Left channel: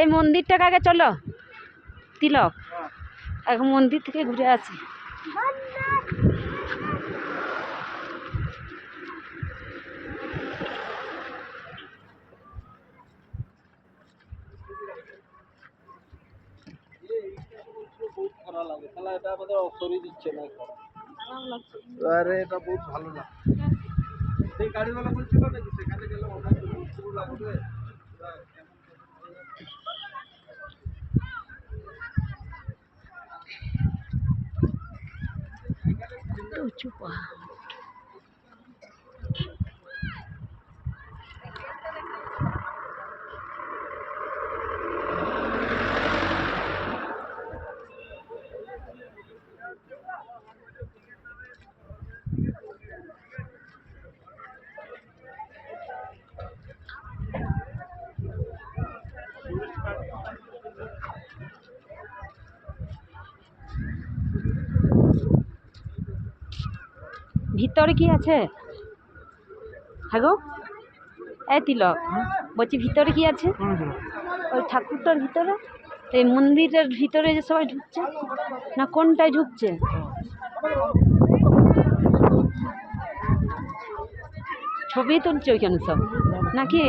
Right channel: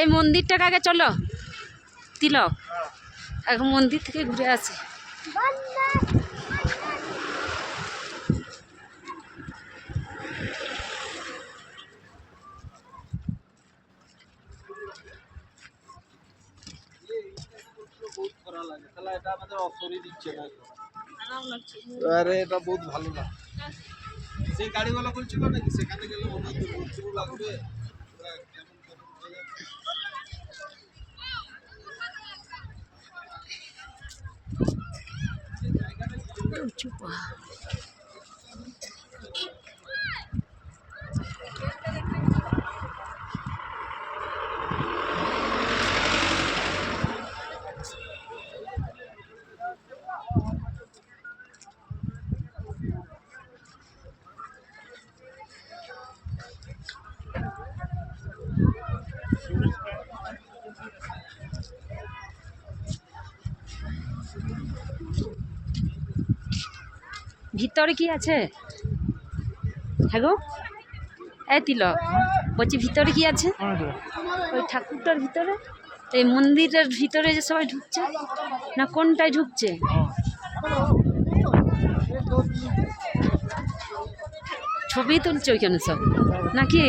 এই মন্দিরটাকে আগে চলো তিলক, এখন মন্দির থেকে ঘুরে আসি। আরে এটা বহুত ভালো না, সেই গাড়িওয়ালা বলছিল নাকি সেখানে গেলে অনেক দূর লাগবে। উঁচু পাহাড়। ভিতরে কি আছে? হ্যাঁ গো, এই তিলক বলছি ভিতরে কি আছে? ওই ঠাকুরটার ভিতরে, এই মন্দিরের ভিতরে যে সবাই ঢুকছে না কোনটায় ঢুকছে? ছবি তুলছে ওইখানে সব নাকি?